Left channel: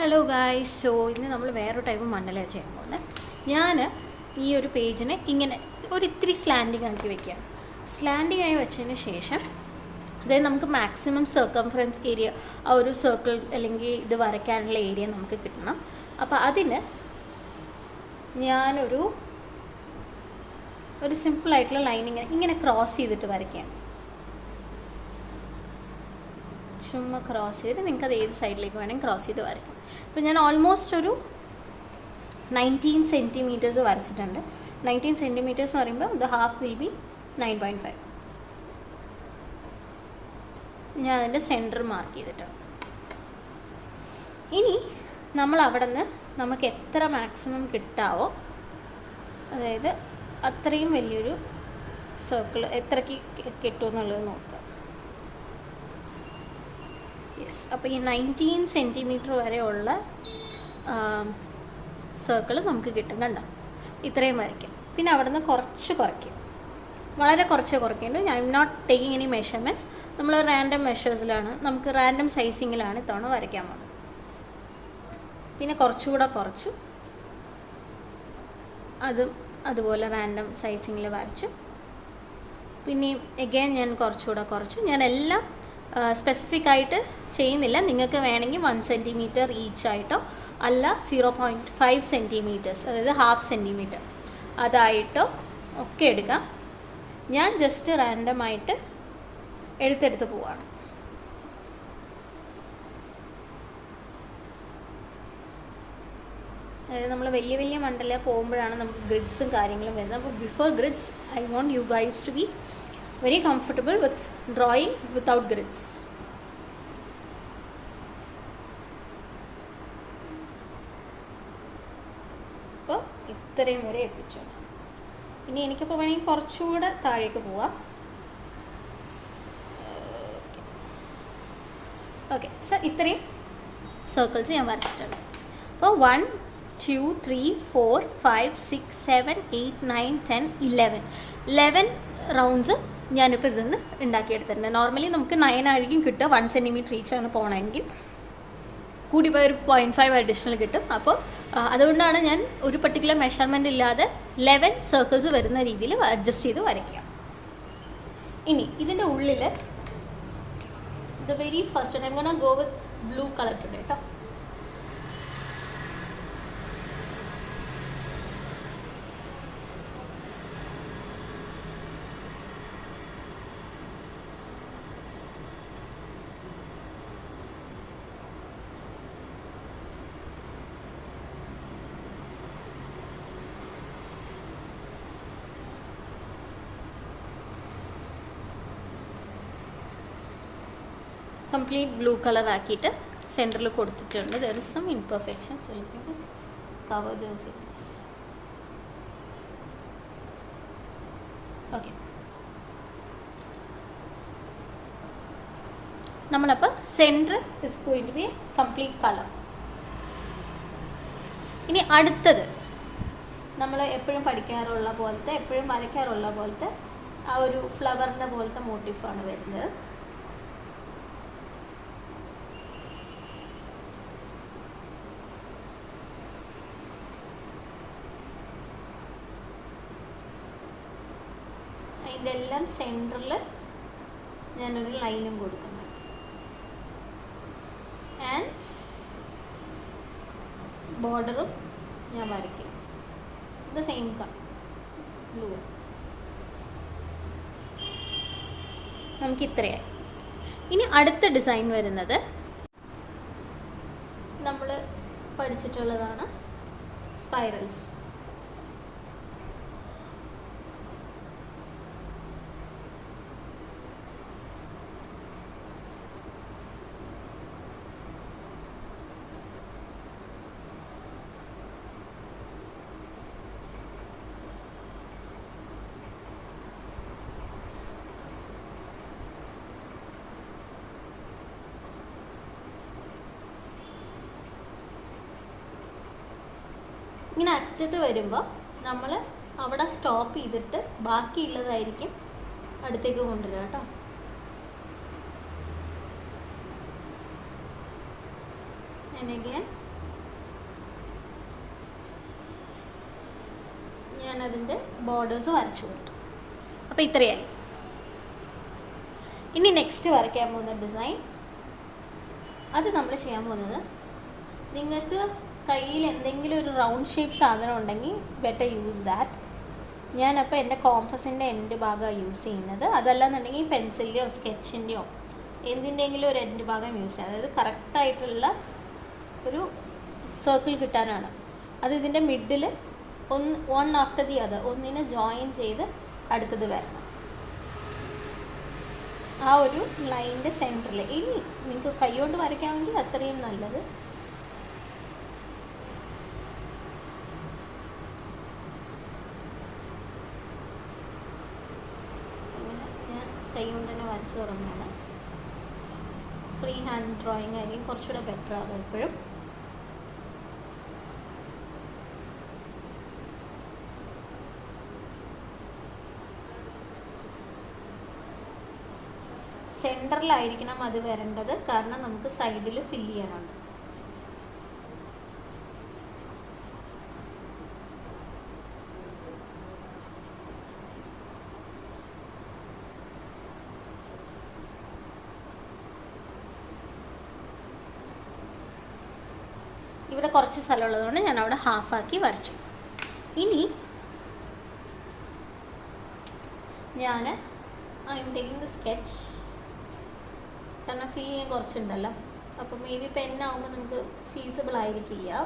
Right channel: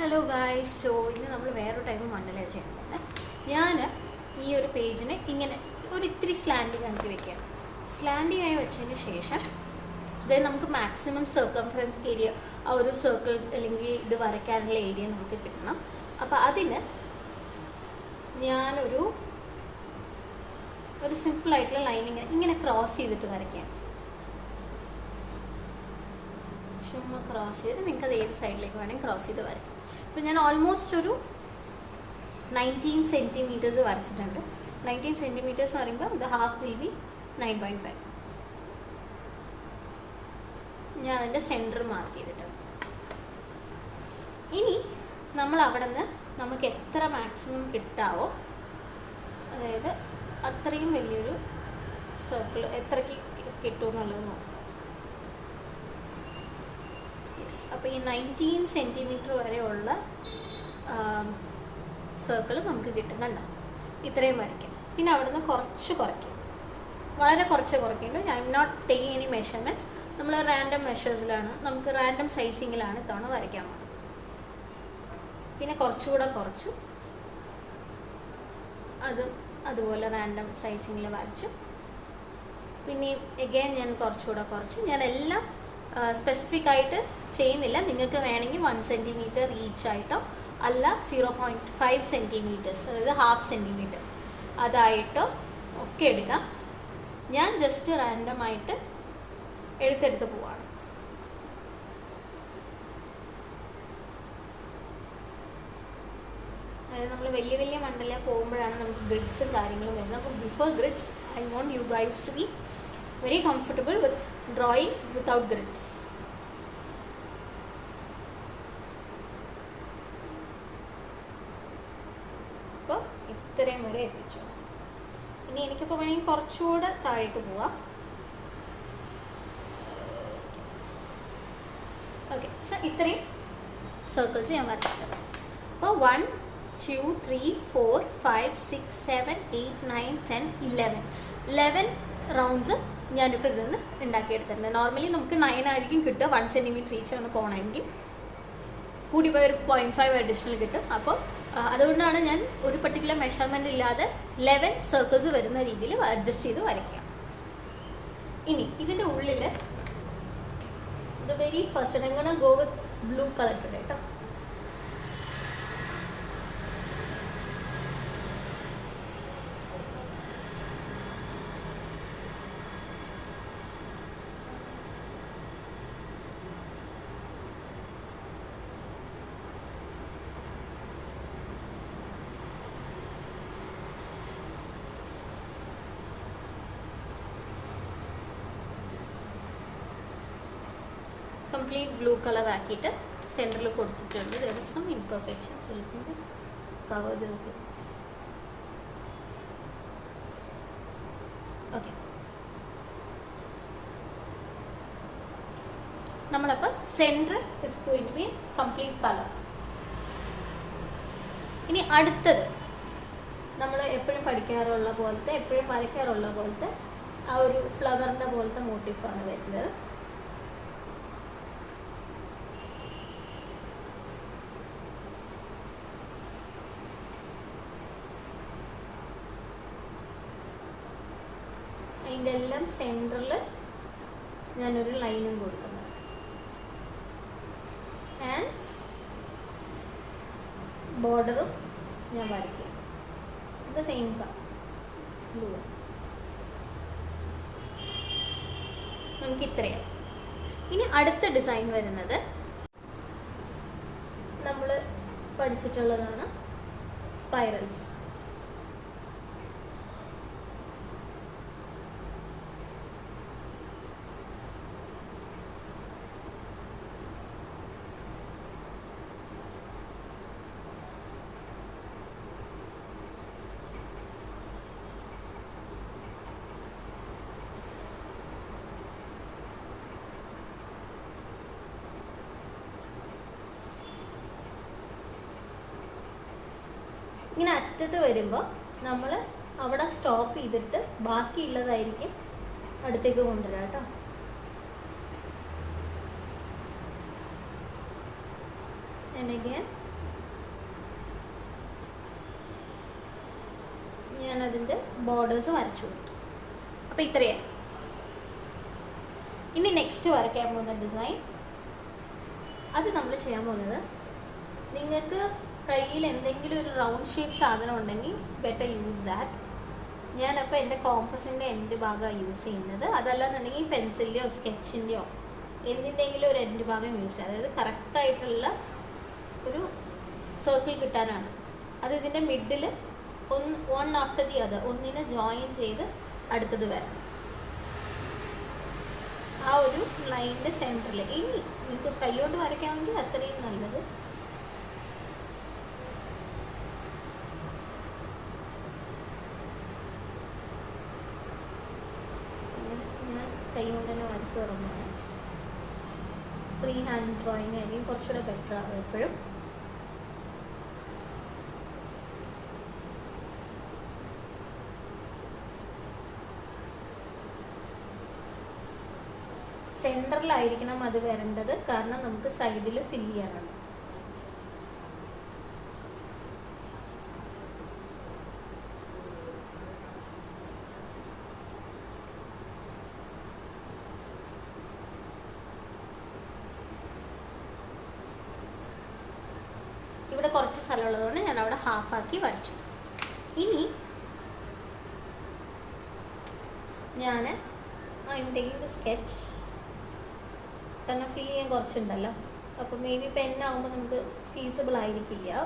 Hello guys. So ഇന്ന് നമ്മൾ വേറൊരു ടൈപ്പ് മണ്ഡല ചെയ്യാൻ പോകുന്നത്. ഞാൻ ഈ ഒരു പേജിന് ഇങ്ങനെ ഇത്തിരി സ്ലാൻഡിങ് ആക്കി വെക്കുകയാണ്. സ്ലാൻഡിങ് ആയി വെച്ചതിന് ശേഷം അതായത് നമുക്ക് മാക്സിമം സർക്കംഫറൻസ് ഏരിയ, ആ ഒരു സർക്കിൾ അല്ലെങ്കിൽ ഇത് വരയ്ക്കാനുള്ള ഏരിയ നമുക്ക് കിട്ടണം. അപ്പോൾ അതിന് ഞാനൊരു സിമ്പിളായിട്ടുള്ള ലൈനിങ് ഇങ്ങനെ ക്രോസ് ചെയ്തിട്ട് വരയ്ക്കുകയാണ്. ചുമ്മാ ക്രോസ് ചെയ്ത് നിങ്ങൾക്കത് ഏത് സൈഡിലേക്ക് വേണമെങ്കിൽ ക്രോസ് ചെയ്ത് വരയ്ക്കാം. അപ്പോൾ ഞാൻ ഓൾമോസ്റ്റ് ഒരു 19 സെൻറ്റിമീറ്റേഴ്സ് വരച്ചിട്ടുണ്ട്. 19 സെൻറ്റിമീറ്റേഴ്സ് എന്ന് പറയുമ്പോൾ ദ ഹാഫ് വിൽ ബി 9.5. ഞാൻ അതിൻ്റെ സെൻറ്റർ മാർക്ക് ചെയ്തിട്ടുണ്ട്. ഇനി നമ്മൾ അവിടെ നിന്ന് നമുക്ക് എത്ര മാക്സിമം കിട്ടാവോ, അതായത് അത്രയും വലിയൊരു സർക്കിൾ എത്രയ്ക്ക് കിട്ടുമെന്നുള്ളത് നോക്കുക. യെസ്, അപ്പോൾ ഈ 19 സെൻറ്റിമീറ്റർ വരെയുള്ള സർക്കിൾ നമുക്ക് കിട്ടും. കണ്ടോ, ഇത്രയും വരയ്ക്കും. പിന്നെ അവിടെ നിന്ന് കുറച്ച് കുറയ്ക്കും, വളരെ കുറച്ച് കുറയ്ക്കുന്നുണ്ട്. ഞാൻ നോട്ട് ടേക്കിംഗ് എനി മെഷർമെൻറ്റ്സ്. നമ്മൾ റാൻഡം മെഷേഴ്സിലാണ്, നമുക്ക് റാൻഡം സൈസിങ്ങിലാണ് ഇത്തവണ വരയ്ക്കാൻ പോകുന്നത്. പിന്നെ കുറച്ചുകൂടെ കുറച്ചു, അതുപോലെ റാൻഡം സൈസിങ്ങിൽ വരച്ചു. പിന്നെയും എഗെയിൻ ഞാൻ കുറച്ചുകൂടെ കുറച്ചു. ഞാൻ എല്ലാം സ്പെസിഫിക് ആയിട്ട് ചെയ്യുന്നില്ല. നിങ്ങൾക്ക് വേണമെങ്കിൽ 1 സെൻറ്റിമീറ്റർ ഈച്ച് ആയിട്ടോ അല്ല 0.5 സെൻറ്റിമീറ്റേഴ്സ്, അതായത് ഹാഫ് സെൻറ്റിമീറ്റർ അതായിട്ടോ ഒക്കെ എടുക്കാം. ഞാൻ ജസ്റ്റ് റാൻഡമായിട്ട് എടുത്തെടുത്ത് പോവാണ്. അതായത് നമ്മൾ വലിയ വലിയ മണ്ഡല പോകുമ്പോഴാണ് നമുക്ക് ഗ്രിഡ്സും കാര്യങ്ങളും വരുന്നത്. അപ്പോൾ before grids I want you guys to be very comfortable with drawing without grids. അപ്പോൾ ഇത്രയും വരെ എത്തിച്ചു. ഇനി എനിക്കിപ്പോൾ വേണമെങ്കിൽ കുറച്ചുകൂടെ താഴേക്ക് പോവാം. ഓക്കെ, സോ ഇത്രയും സർക്കിൾസ് ഞാൻ വരച്ചിട്ടുണ്ട്. അപ്പോൾ 1 2 3 4 5 6 7 8 9 10 11 റൗണ്ട്സ് ഞാനിപ്പോൾ ഇതിൽ നിന്ന് ഉണ്ടാക്കിയെടുത്തിട്ടുണ്ട്. നോർമലി നമുക്ക് 9 ആയിരിക്കും കിട്ടുക. 1 സെൻറ്റിമീറ്റർ ഈച്ചാണ് പോകണമെങ്കിൽ, കൂടി പോയ ഒരു 0.5 അഡീഷണൽ കിട്ടും. അപ്പോൾ അതുകൊണ്ടാണ് ഞാൻ ഒരു പർട്ടിക്കുലർ മെഷർമെൻ്റ് ഇല്ലാതെ 11 സർക്കിൾസ് വരുന്ന രീതിയിൽ അഡ്ജസ്റ്റ് ചെയ്ത് വരയ്ക്കാം. ഇനി ഇതിൻ്റെ ഉള്ളിൽ the very first I gonna go with blue colour today കേട്ടോ. കംപ്ലീറ്റ് ബ്ലൂ കളർ ആക്കിയിട്ട് സെൻറ്ററിൽ കൊടുത്തിട്ടുണ്ട്. There is some imperfections, so let me just cover those areas. Okay, നമ്മളപ്പോൾ centre is going to be complete colour. ഇനി അടുത്തത് നമ്മൾ എപ്പോഴും പഠിക്കാറുള്ള പോലത്തെ, എപ്പോഴും വരയ്ക്കാറുള്ള പോലത്തെ ആ ഒരു ഫ്ലവറിൻ്റെ പോലത്തെ മോട്ടീഫാണ് വരുന്നത്. അതിൻ്റെ എല്ലാം സെൻറ്ററിൽ ഞാനൊരു ലൈനും കൊടുക്കുന്നു. ആൻഡ് ബോർഡറും ഞാൻ വരയ്ക്കും. ഇത് സെയിം ബ്ലൂ. നമുക്ക് ഇത്രയായി. ഇനി അടുത്ത ഡിസൈൻ വരുന്നത് നമ്മൾ പഠിച്ചിട്ടുള്ളതാണ് സ്പൈറൽസ്. ഇങ്ങനെ അറ്റത്ത് വരുമ്പോൾ നമ്മൾ അവിടെ സ്റ്റോപ്പ് ചെയ്തിട്ട് ബാക്കിയുള്ളതായിരിക്കും അടുത്തേക്ക് കൊണ്ടുവരിക കേട്ടോ. and again ഞാനതിൻ്റെ ബോർഡേഴ്സ് വരച്ചു കൊടുത്തു. അപ്പോൾ ഇത്രയായി. ഇനി നെക്സ്റ്റ് വരയ്ക്കാൻ പോകുന്ന ഡിസൈൻ, അത് നമ്മൾ ചെയ്യാൻ പോകുന്നത്, നിങ്ങൾക്ക് കയ്യിൽ എന്തെങ്കിലും ഒരു റൗണ്ട് ഷേപ്പ് സാധനം ഉണ്ടെങ്കിൽ ബെറ്റർ യൂസ് ദാറ്റ്. ഞാനപ്പോൾ എൻ്റെ കോമ്പസിൻ്റെ എൻഡ് ഭാഗമാണ് യൂസ് ചെയ്യുന്നത്. അതല്ലാന്നുണ്ടെങ്കിൽ പെൻസിലിൻ്റെയോ സ്കെച്ചിൻ്റെയോ എന്തിൻ്റെങ്കിലും ഒരു എൻഡ് ഭാഗം യൂസ് ചെയ്യുക. അതായത് കറക്റ്റായിട്ടുള്ള ഒരു സർക്കിൾ കിട്ടാനാണ്. അത് ഇതിൻ്റെ middle one after the other ഒന്നിനെ ജോയിൻ ചെയ്ത് അടുത്തത് വരണം. ആ ഒരു ലൈനിൻ്റെ സെൻറ്ററിൽ. ഇനി നിങ്ങൾക്ക് കൈയോട്ട് വരയ്ക്കാമെങ്കിൽ അത്രയും നല്ലത്. ഞാൻ കൈകൊണ്ട് തന്നെ വരച്ചു തുടങ്ങുകയാണ്. ഫ്രീ ഹാൻഡ് ഡ്രോയിങ് ആയിരിക്കും കുറച്ചുകൂടെ ബെറ്റർ ആണ് എപ്പോഴും. സെൻറ്ററിലായിരിക്കണം അത് വരേണ്ടത്, കാരണം നമുക്ക് സൈഡിൽ ഫില്ല് ചെയ്യാനാണ്. ഇവിടെ കുറച്ച് സ്ഥലമുള്ളതുകൊണ്ട് ഞാൻ അവിടെ ഹാഫാക്കി വരച്ചു. ഇനി ഞാൻ I am taking the sketch, കാരണം ഫില്ല് ചെയ്യാൻ കുറച്ചുണ്ടല്ലോ. അപ്പോൾ മേ ബി പെന്നാകുമ്പോൾ നമുക്ക് ഫീസിബിൾ ആയിരിക്കില്ല.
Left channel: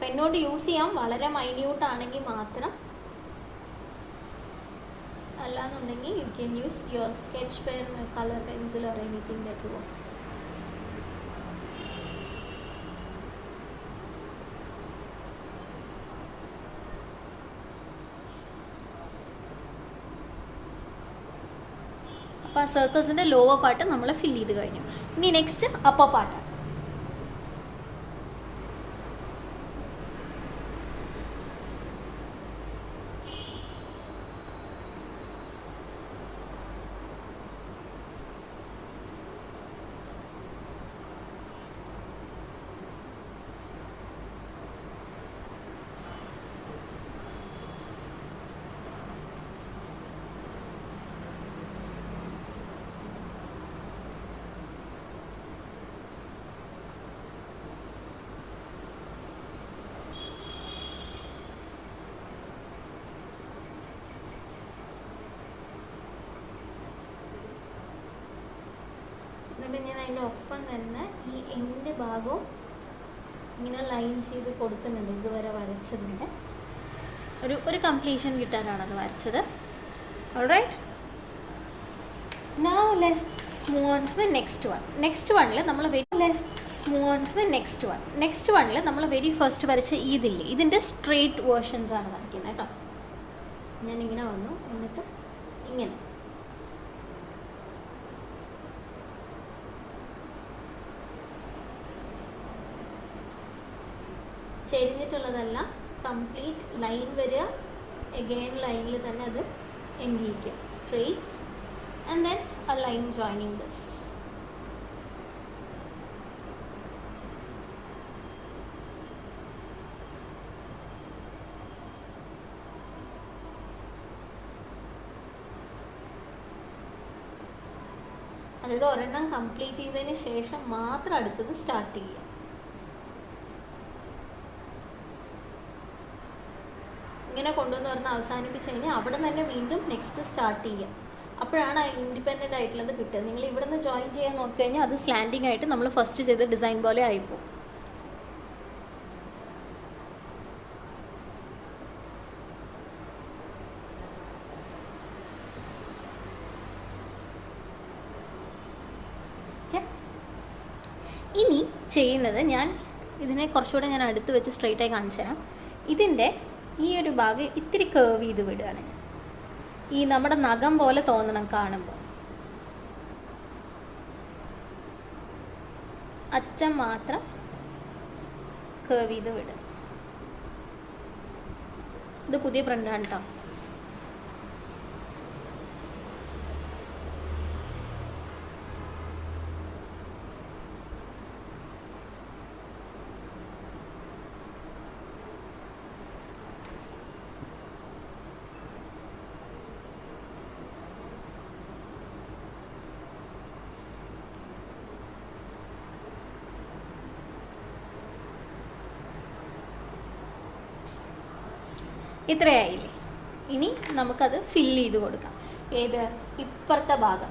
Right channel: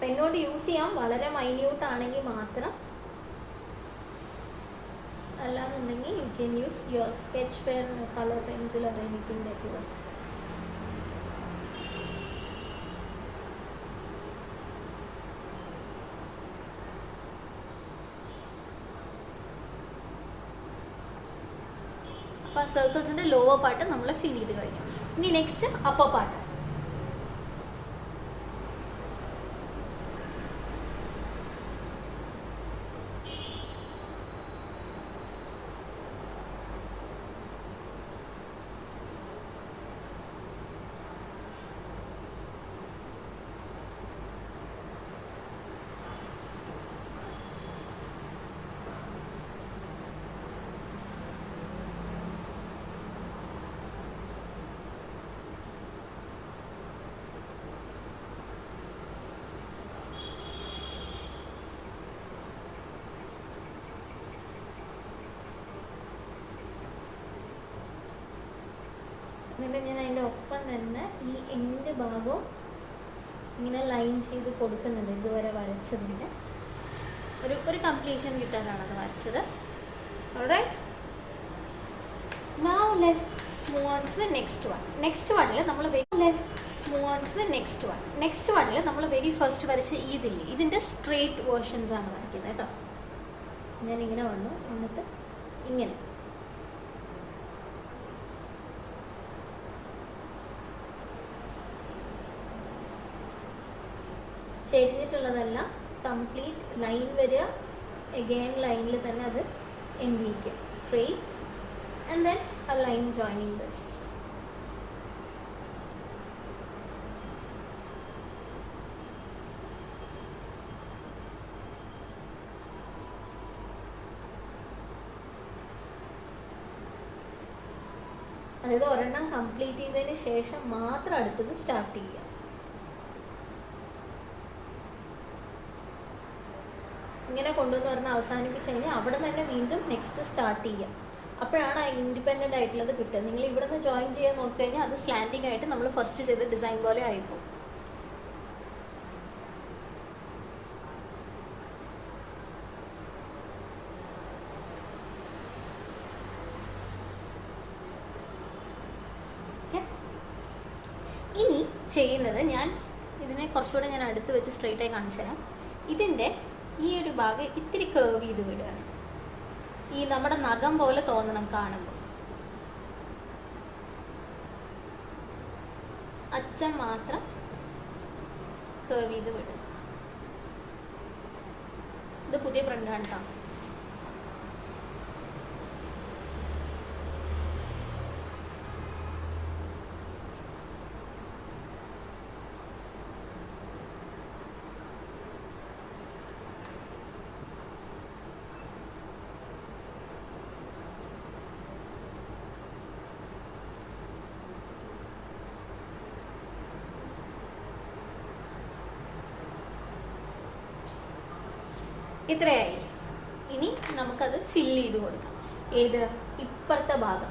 പെന്നോട് യൂസ് ചെയ്യാം, വളരെ മൈന്യൂട്ട് ആണെങ്കിൽ മാത്രം. അല്ലാന്നുണ്ടെങ്കിൽ you can use your sketch pen, colour pencil or anything that you want. അപ്പോൾ ആ സർക്കിൾസിൻ്റെ ലോവർ പാർട്ട് നമ്മൾ ഫില്ല് ചെയ്ത് കഴിഞ്ഞു. ഇനി നെക്സ്റ്റ് അപ്പർ പാർട്ട്. എന്നിട്ട് ഞാൻ അതിൻ്റെ ഒപ്പം തന്നെ ഈ എൻഡ് ഭാഗവും ഇങ്ങനെ ലൈൻ ചെയ്ത് കൊടുക്കുന്നുണ്ട്. ഇതുവരെ വരച്ചതിൻ്റെ ഒരു കംപ്ലീഷൻ കിട്ടാനാണ് അത് വരച്ചത്. Alright, now let's move on to the next one. next one നമ്മൾ വെരി ഫസ്റ്റ് വരച്ച ഇതില്ലേ, ഇതിൻ്റെ സ്ട്രെയിറ്റ് വേർഷൻസ് ആണ് വരയ്ക്കുന്നത് കേട്ടോ. ഞാനിങ്ങനെ വന്നു, എന്നിട്ട് ഇങ്ങനെ ചെരിഞ്ഞിട്ടുള്ളതെല്ലാം കംപ്ലീറ്റ് ലൈൻ വരിക, എഗെയിൻ ലൈനിൽ തന്നെ അത് എൻഡ് ചെയ്യിക്കുക, straight, and then a line joining this. അതായത് ഒരെണ്ണം കംപ്ലീറ്റ് ചെയ്തതിന് ശേഷം മാത്രം അടുത്തത് സ്റ്റാർട്ട് ചെയ്യുക. ഇങ്ങനെ കൊണ്ടുവന്ന് പറഞ്ഞാൽ അവസാനിപ്പിച്ച് കഴിഞ്ഞാൽ അവിടെ തന്നെ വീണ്ടും നെക്സ്റ്റ് സ്റ്റാർട്ട് ചെയ്യുക. അപ്പോഴാണ് ആ ഇൻഡിപെൻഡൻ്റ് ആയിട്ടുള്ളത് കിട്ടുക. നിങ്ങൾ ഇവിടെ നിന്ന് ജോയിൻ ചെയ്യാൻ നോക്കി കഴിഞ്ഞാൽ അത് സ്ലാൻഡിങ് ആയിട്ട് നമ്മൾ ഫസ്റ്റ് ചെയ്ത ഡിസൈൻ പോലെ ആയിപ്പോകും. ഇനി ചെയ്യുന്നത്, ഞാൻ ഇതിനെ കുറച്ചുകൂടെ ഞാൻ അടുത്ത് വെച്ച് സ്ട്രെയിറ്റ് ആയി കാണിച്ചു തരാം. ഇതിൻ്റെ ഈ ഒരു ഭാഗം ഇത്തിരി കേർവ് ചെയ്ത് വിടുകയാണ്. ഈ നമ്മുടെ നഖം പോലെ തോന്നണം കാണുമ്പോൾ. അറ്റം മാത്രം കേർവ് ചെയ്ത് വിടുക. ഇത് പുതിയ പ്രിൻ്റാണ് കേട്ടോ. ഇത്രയായില്ലേ. ഇനി നമുക്കത് ഫില്ല് ചെയ്ത് കൊടുക്കാം. ഏത്? ഇപ്പുറത്തെ ഭാഗം.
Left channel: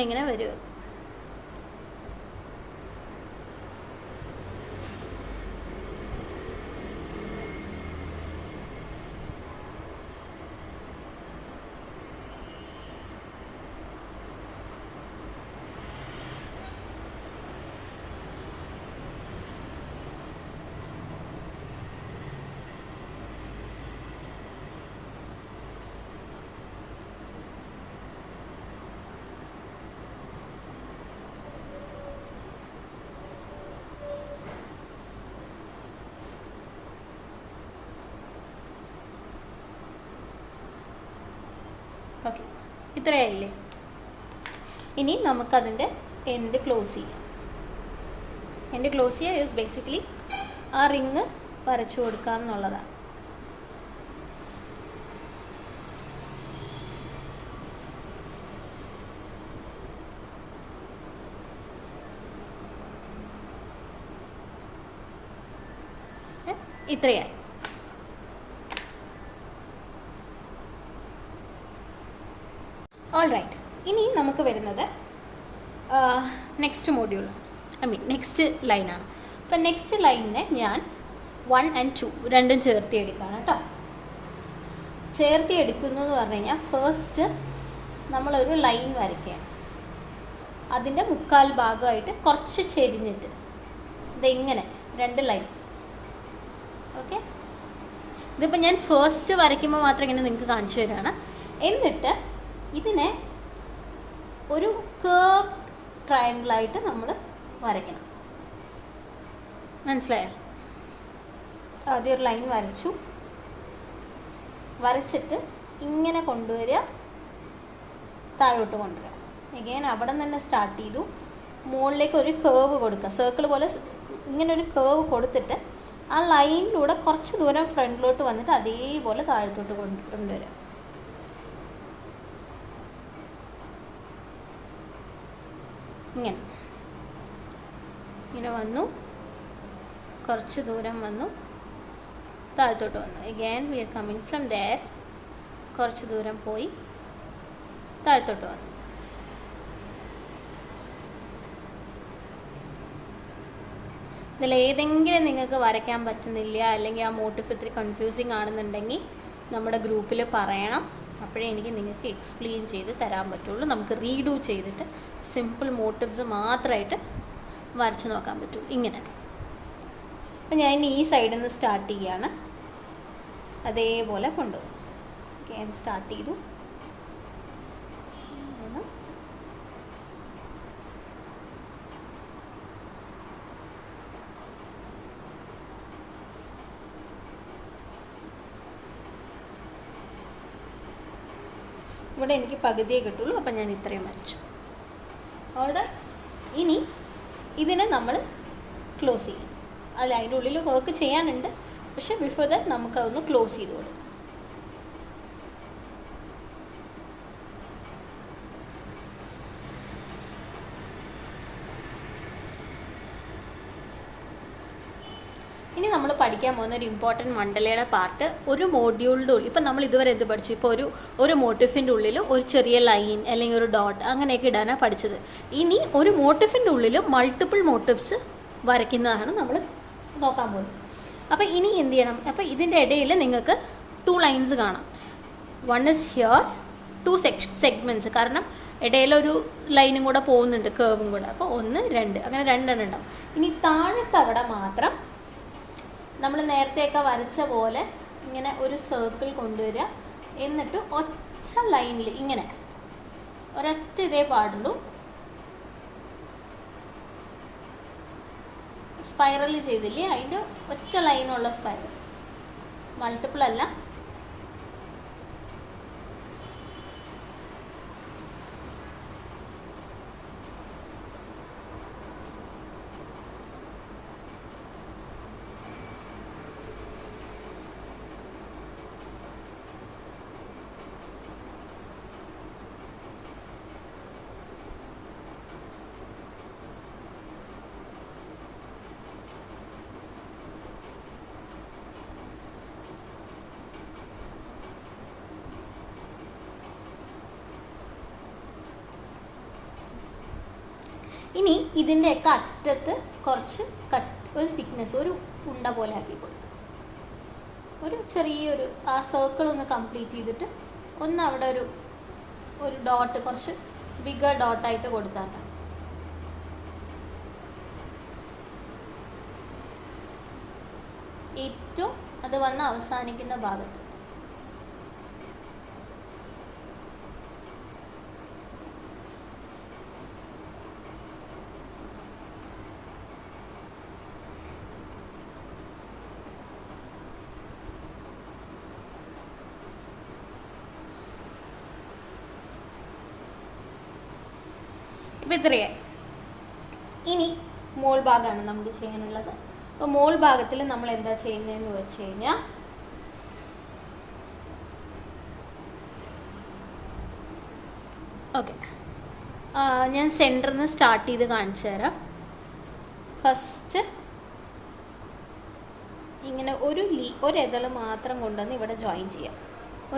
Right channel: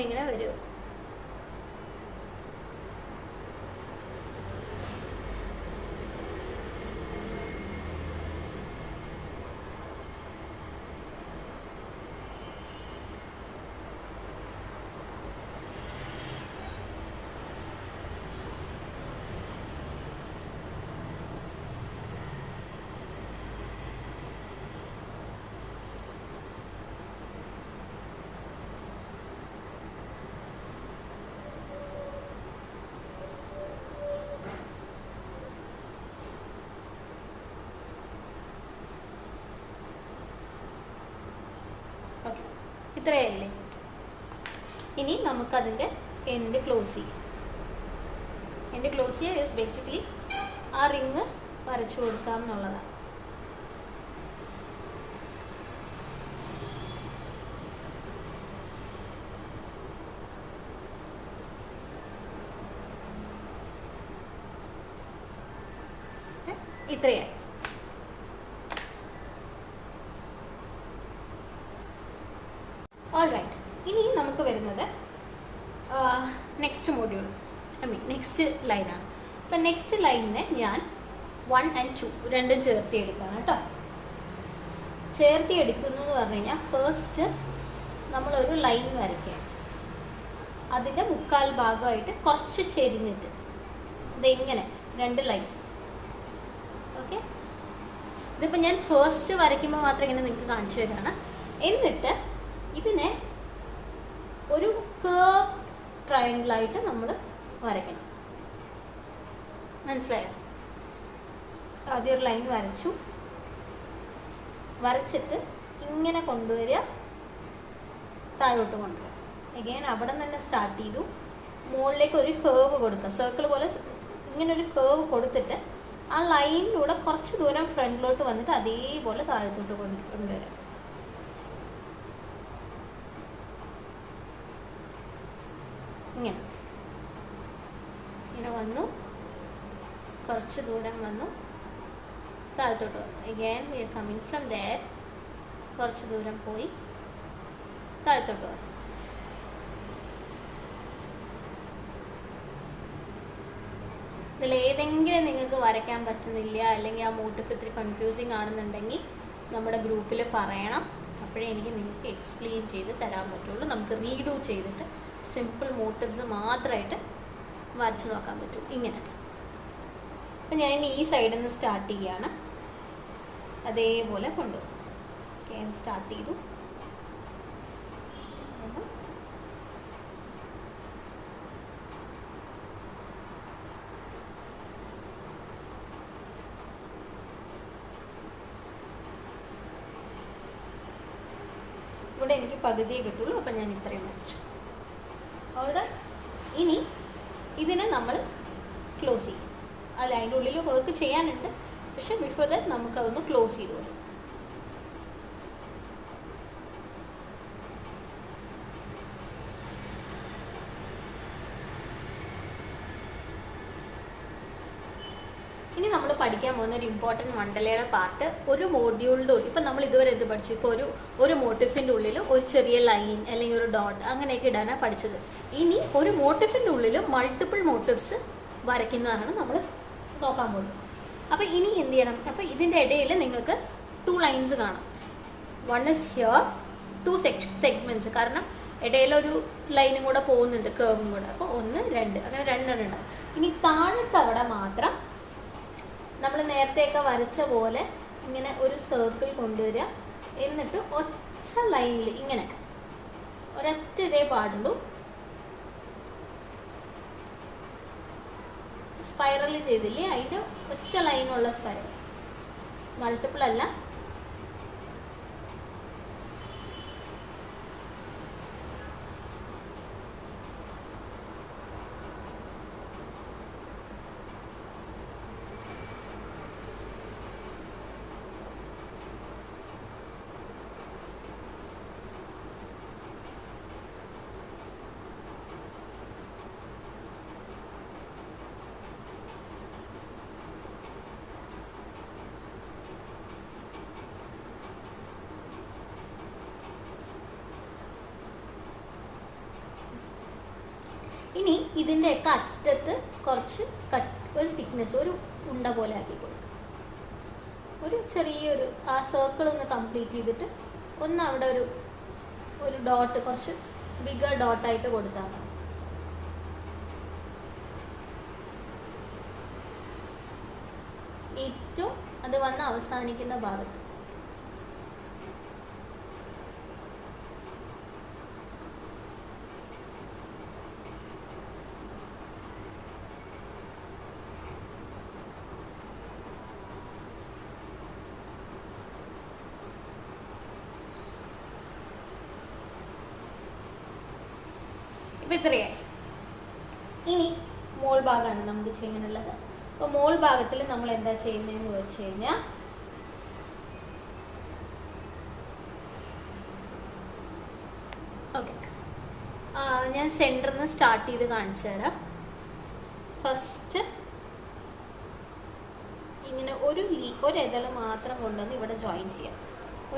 ഇങ്ങനെ വരിക. ഓക്കെ, ഇത്രയായില്ലേ. ഇനി നമുക്കതിൻ്റെ എൻഡ് ക്ലോസ് ചെയ്യാം. എൻഡ് ക്ലോസ് ചെയ്യുക ഈസ് ബേസിക്കലി ആ റിങ് വരച്ചു കൊടുക്കാം എന്നുള്ളതാണ്. ഇത്രയായി. All right. ഇനി നമുക്ക് വരുന്നത് നെക്സ്റ്റ് മോഡ്യൂൾ, നെക്സ്റ്റ് ലൈനാണ്. അപ്പം നെക്സ്റ്റ് ലൈനിനെ ഞാൻ 1 and 2 രണ്ടും ചേർത്തി എടുക്കണം കേട്ടോ. ചേർത്തി എടുക്കുന്നു എന്ന് പറഞ്ഞു കഴിഞ്ഞാൽ ഫസ്റ്റ് നമ്മളൊരു ലൈൻ വരയ്ക്കുകയാണ്. അതിൻ്റെ മുക്കാൽ ഭാഗമായിട്ട് കുറച്ച് ചെരിഞ്ഞിട്ട് ഇതെങ്ങനെ 2 ലൈൻ. ഓക്കെ, ഇതിപ്പോൾ ഞാൻ ഫസ്റ്റ് വരയ്ക്കുമ്പോൾ മാത്രം ഇങ്ങനെ നിങ്ങൾക്ക് കാണിച്ചു തരാണ്. എന്നിട്ട് ഇതിനെ ഒരു കേർവ് ട്രയാങ്കിളായിട്ട് നമ്മൾ വരയ്ക്കണം. മനസ്സിലായോ? ആദ്യം ഒരു ലൈൻ വരച്ചു, വരച്ചിട്ട് ഇങ്ങനെ കൊണ്ടുവരിക, താഴോട്ട് കൊണ്ടുവരിക. എഗെയിൻ അവിടെ തന്നെ സ്റ്റാർട്ട് ചെയ്തു, മുകളിലേക്ക് ഒരു കേർവ് കൊടുക്കുക. സർക്കിൾ പോലെ ഇങ്ങനെ ഒരു കേർവ് കൊടുത്തിട്ട് ആ ലൈനിലൂടെ കുറച്ച് ദൂരം ഫ്രണ്ടിലോട്ട് വന്നിട്ട് അതേപോലെ താഴത്തോട്ട് കൊണ്ടുവരിക. ഇങ്ങനെ വന്നു, കുറച്ച് ദൂരം വന്നു, താഴത്തോട്ട് വന്നു. Again we are coming from there, കുറച്ച് ദൂരം പോയി താഴത്തോട്ട് വന്നു. ഇതിൽ ഏതെങ്കിലും നിങ്ങൾക്ക് വരയ്ക്കാൻ പറ്റുന്നില്ല, അല്ലെങ്കിൽ ആ മോട്ടീവ് ഇത്തിരി കൺഫ്യൂസിങ് ആണെന്നുണ്ടെങ്കിൽ നമ്മുടെ ഗ്രൂപ്പിൽ പറയണം. അപ്പോഴേ എനിക്ക് നിങ്ങൾക്ക് എക്സ്പ്ലെയിൻ ചെയ്ത് തരാൻ പറ്റുള്ളൂ. നമുക്ക് റീഡു ചെയ്തിട്ട് സിമ്പിൾ മോട്ടീവ്സ് മാത്രമായിട്ട് വരച്ച് നോക്കാൻ പറ്റും. ഇങ്ങനെ അപ്പം ഞാൻ ഈ സൈഡിൽ നിന്ന് സ്റ്റാർട്ട് ചെയ്യുകയാണ്, അതേപോലെ കൊണ്ടുപോകും. ഞാൻ സ്റ്റാർട്ട് ചെയ്തു, ഇവിടെ എനിക്ക് പകുതിയേ കിട്ടുള്ളൂ. അപ്പം ഞാൻ ഇത്രയും വരച്ചു. ഓർഡർ. ഇനി ഇതിനെ നമ്മൾ ക്ലോസ് ചെയ്യും. അല്ല, അതിൻ്റെ ഉള്ളിൽ വർക്ക് ചെയ്യാനുണ്ട്, പക്ഷെ ബിഫോർ ദാറ്റ് നമുക്കതൊന്ന് ക്ലോസ് ചെയ്ത് കൊടുക്കും. ഇനി നമ്മൾ പഠിക്കാൻ പോകുന്ന ഒരു ഇമ്പോർട്ടൻറ്റ് മണ്ഡലയുടെ പാർട്ട്, ഒരു മോഡ്യൂളിൻ്റെ ഉള്ളിൽ ഇപ്പം നമ്മൾ ഇതുവരെ എന്ത് പഠിച്ചു? ഇപ്പോൾ ഒരു മോട്ടീഫിൻ്റെ ഉള്ളിൽ ഒരു ചെറിയ ലൈൻ അല്ലെങ്കിൽ ഒരു ഡോട്ട് അങ്ങനെയൊക്കെ ഇടാനാണ് പഠിച്ചത്. ഇനി ഒരു മോട്ടീഫിൻ്റെ ഉള്ളിൽ മൾട്ടിപ്പിൾ മോട്ടീവ്സ് വരയ്ക്കുന്നതാണ് നമ്മൾ നോക്കാൻ പോകുന്നത്. അപ്പോൾ ഇനി എന്ത് ചെയ്യണം? അപ്പോൾ ഇതിൻ്റെ ഇടയിൽ നിങ്ങൾക്ക് 2 ലൈൻസ് കാണാം. 1 is here, 2 സെഗ്മെൻറ്റ്സ്. കാരണം ഇടയിലൊരു ലൈനും കൂടെ പോകുന്നുണ്ട്, കേർവും കൂടെ. അപ്പോൾ 1, 2 അങ്ങനെ 2 എണ്ണം ഉണ്ടാവും. ഇനി താഴത്തെ അവിടെ മാത്രം നമ്മൾ നേരത്തെയൊക്കെ വരച്ച പോലെ ഇങ്ങനെ ഒരു സർക്കിൾ കൊണ്ടുവരിക. എന്നിട്ട് ഒറ്റ ലൈനിൽ ഇങ്ങനെ ഒരൊറ്റ ഇതേ പാടുള്ളൂ. സ്പൈറൽ ചെയ്തില്ലേ, അതിൻ്റെ ഒറ്റ ലൈനുള്ള സ്പൈറൽ, മൾട്ടിപ്പിൾ അല്ല. ഇതിൻ്റെയൊക്കെ അറ്റത്ത് കുറച്ച് ഒരു തിക്നെസ്, ഒരു ഉണ്ട പോലെ ആക്കി കൊടുക്കും. ഒരു ചെറിയൊരു ആ സർക്കിൾ ഒന്ന് കംപ്ലീറ്റ് ചെയ്തിട്ട് ഒന്ന് അവിടെ ഒരു ഡോട്ട്, കുറച്ച് ബിഗർ ഡോട്ടായിട്ട് കൊടുത്താൽ മതി. ഏറ്റവും അത് വന്ന് അവസാനിക്കുന്ന ഭാഗത്ത് ഇപ്പം ഇത്രയായി. ഇനി മോൾ ഭാഗമാണ് നമുക്ക് ചെയ്യാനുള്ളത്. അപ്പോൾ മോൾ ഭാഗത്തിൽ നമ്മൾ എന്താ ചെയ്യുന്നതെന്ന് വെച്ച് കഴിഞ്ഞാൽ ഓക്കെ, ഞാൻ സെൻറ്ററിൽ നിന്ന് സ്റ്റാർട്ട് ചെയ്ത് കാണിച്ചു തരാം. ഫസ്റ്റ് ഇങ്ങനെ ഒരു എതൾ മാത്രം കൊണ്ടുവന്ന് ഇവിടെ ജോയിൻ ചെയ്യാം,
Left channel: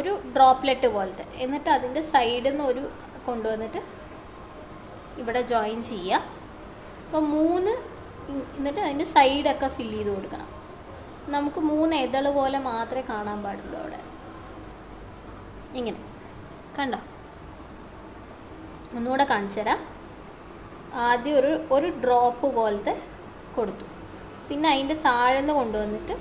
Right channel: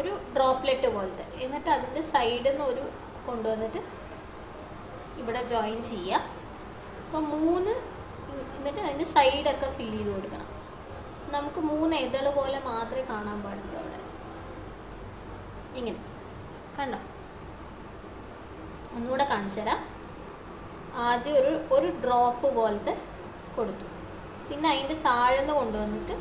ഒരു ഡ്രോപ്ലെറ്റ് പോലത്തെ. എന്നിട്ട് അതിൻ്റെ സൈഡിൽ നിന്ന് കൊണ്ടുവന്നിട്ട് ഇവിടെ ജോയിൻ ചെയ്യാം. അപ്പോൾ എന്നിട്ട് അതിൻ്റെ സൈഡൊക്കെ ഫില്ല് ചെയ്ത് കൊടുക്കണം. നമുക്ക് 3 എതൾ പോലെ മാത്രമേ കാണാൻ പാടുള്ളൂ അവിടെ. ഇങ്ങനെ കണ്ടോ? ഒന്നുകൂടെ കാണിച്ചു തരാം. ആദ്യം ഒരു ഡ്രോപ്പ് പോലത്തെ കൊടുത്തു, പിന്നെ അതിൻ്റെ താഴെന്ന് കൊണ്ടുവന്നിട്ട്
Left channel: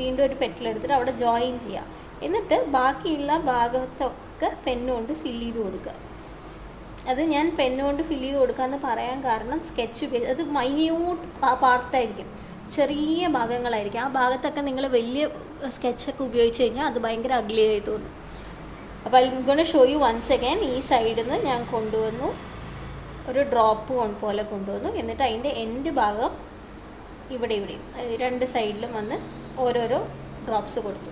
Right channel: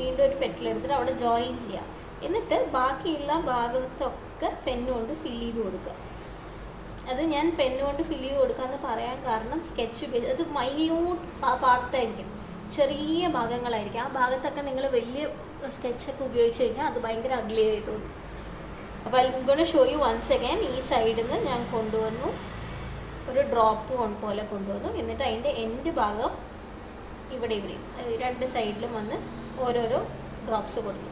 വീണ്ടും ഒരു പെറ്റലെടുത്തിട്ട് അവിടെ ജോയിൻ ചെയ്യാം. എന്നിട്ട് ബാക്കിയുള്ള ഭാഗത്തൊക്കെ പെന്നുകൊണ്ട് ഫില്ല് ചെയ്ത് കൊടുക്കുക. അത് ഞാൻ പെന്നുകൊണ്ട് ഫില്ല് ചെയ്ത് കൊടുക്കാമെന്ന് പറയാൻ കാരണം സ്കെച്ച് പേജ് അത് മൈന്യൂട്ട് പാർട്ടായിരിക്കും, ചെറിയ ഭാഗങ്ങളായിരിക്കും. ആ ഭാഗത്തൊക്കെ നിങ്ങൾ വലിയ സ്കെച്ചൊക്കെ ഉപയോഗിച്ച് കഴിഞ്ഞാൽ അത് ഭയങ്കര അഗ്ലി ആയി തോന്നും. അപ്പോൾ I am gonna show you once again. ഈ സൈഡിൽ നിന്ന് ഞാൻ കൊണ്ടുവന്നു, ഒരു ഡ്രോപ്പ് പോലെ കൊണ്ടുവന്നു. എന്നിട്ട് അതിൻ്റെ എൻഡ് ഭാഗം ഇവിടെയും 2 സൈഡിലും വന്ന് ഓരോരോ ഡ്രോപ്സ് കൊടുത്തു.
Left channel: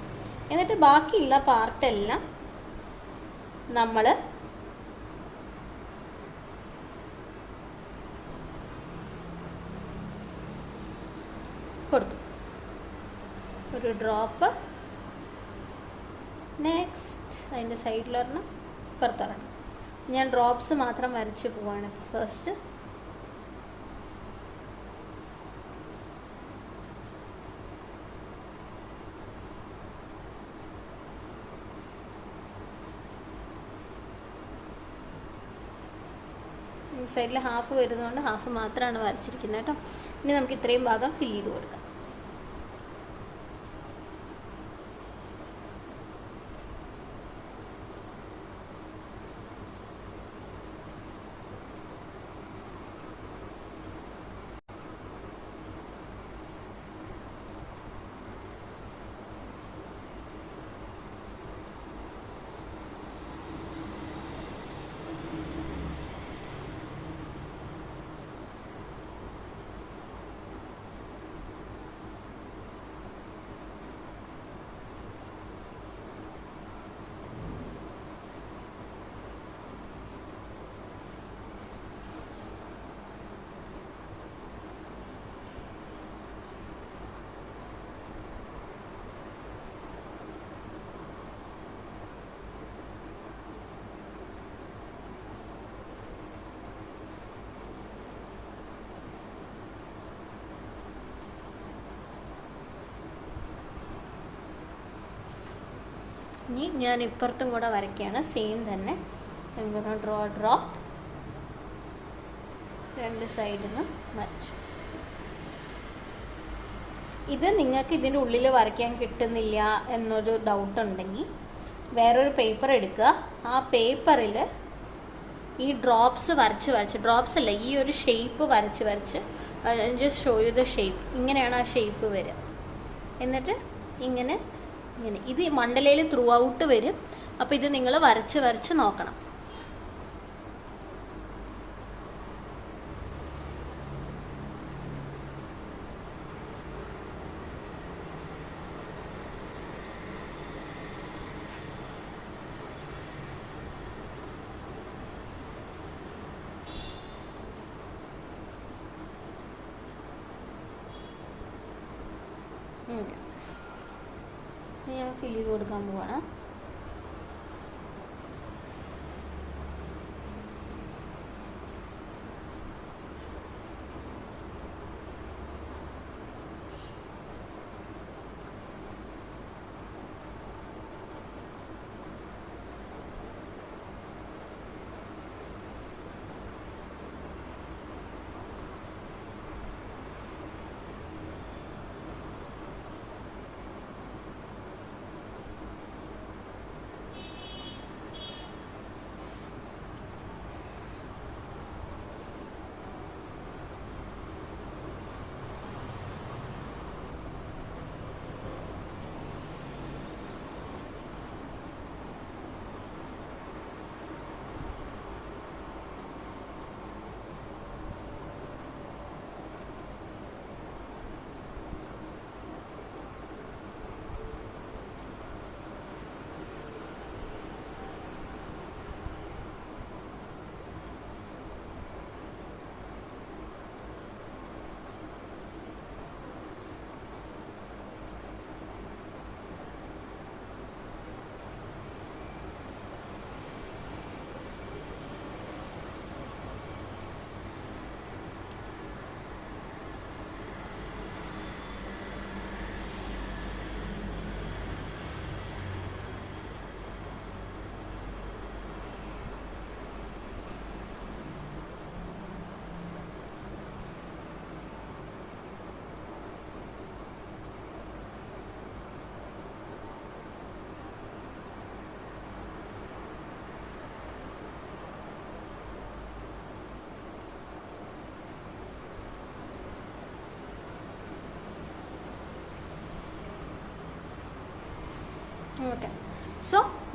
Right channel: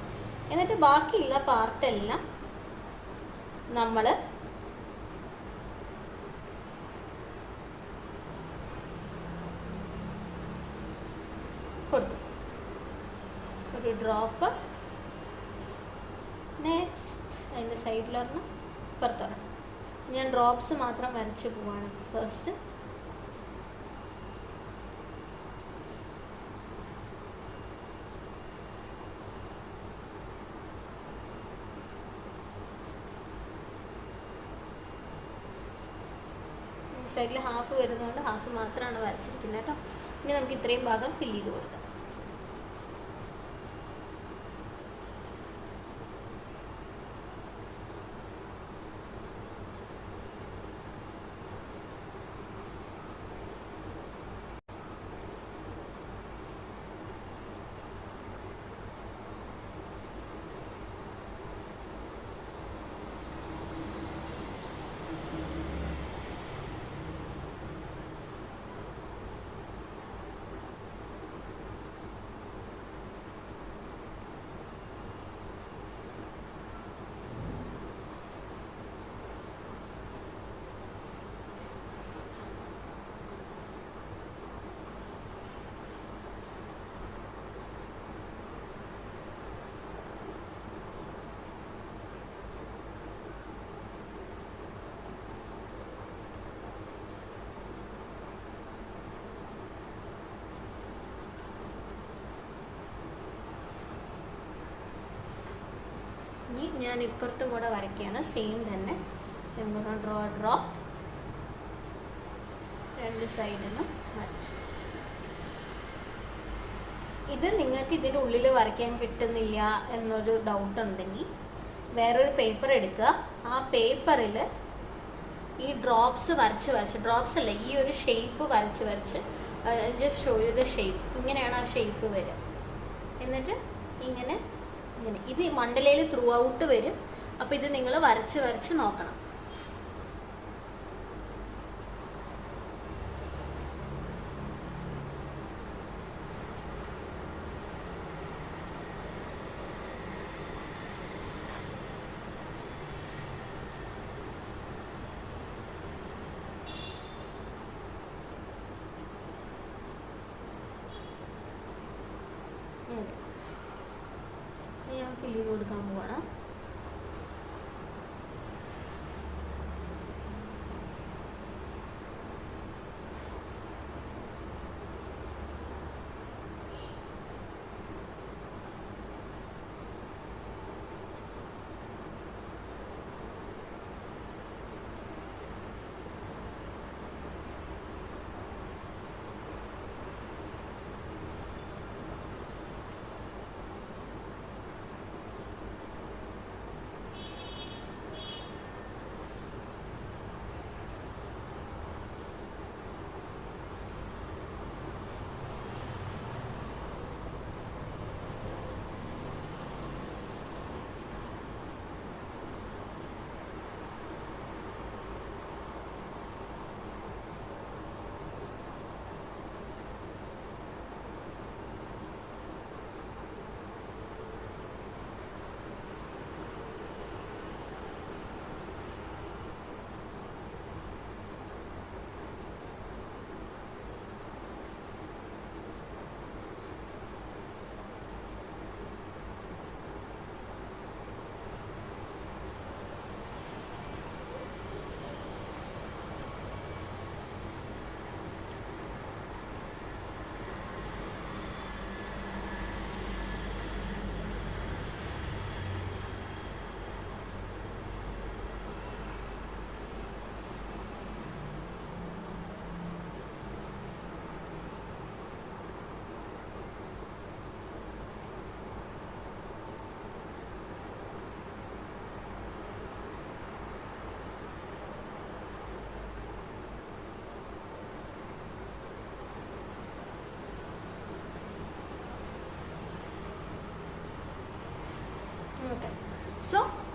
എന്നിട്ട് ബാക്കിയുള്ള പാർട്ടെല്ലാം നമ്മൾ കൊടുത്തു, ഒരു ഡ്രോപ്പ്. നെക്സ്റ്റ് അതിൻ്റെ സൈഡിലൊരെണ്ണം, പുറത്തൊരെണ്ണം. ഞാൻ ഡ്രോപ്സ് മാത്രം വരച്ച് പോവാണ്. ഫസ്റ്റ് ഈ സൈഡിൽ ഹാഫ് വരുന്നതുകൊണ്ട് ഹാഫ് മാത്രമാണ് വരച്ചിരിക്കുന്നത് കേട്ടോ. ഇനി നമുക്ക് ഇത്രയും ഭാഗം ഫില്ല് ചെയ്ത് കൊടുക്കാം. ഇനി ഞാൻ ഇപ്പുറത്തും കൂടെ വരയ്ക്കുകയാണ്, സെയിം തന്നെ. ഡ്രോ 2 സൈഡിൽ നിന്നും വരച്ചു. ഇത് നിങ്ങൾക്ക് ഇതിൻ്റെ ഉള്ളിൽ വരയ്ക്കാൻ കിട്ടുന്നില്ല എന്നൊരു ഡൗട്ട് ഉണ്ടെങ്കിൽ വേറൊരു പേപ്പർ എടുക്കുക. ആ പേപ്പറിൽ ഈ ഡ്രോപ്സ് വരച്ച് ഡ്രോപ്സ് അല്ല, ഈ ഒരു ഷേപ്പ് വരച്ച് just show you the shape. ഇങ്ങനെയാണ് ആ ഷേപ്പ് വരിക. എന്നിട്ട് ഇങ്ങനെ ഇത് മണ്ഡലയിൽ ത്രൂ ഔട്ട് വരും. അപ്പോൾ ഇത് നിങ്ങൾ വരച്ച് നോക്കണം. ഞാൻ ഫില്ല് ചെയ്ത് കൊടുക്കാൻ പോവാണ്.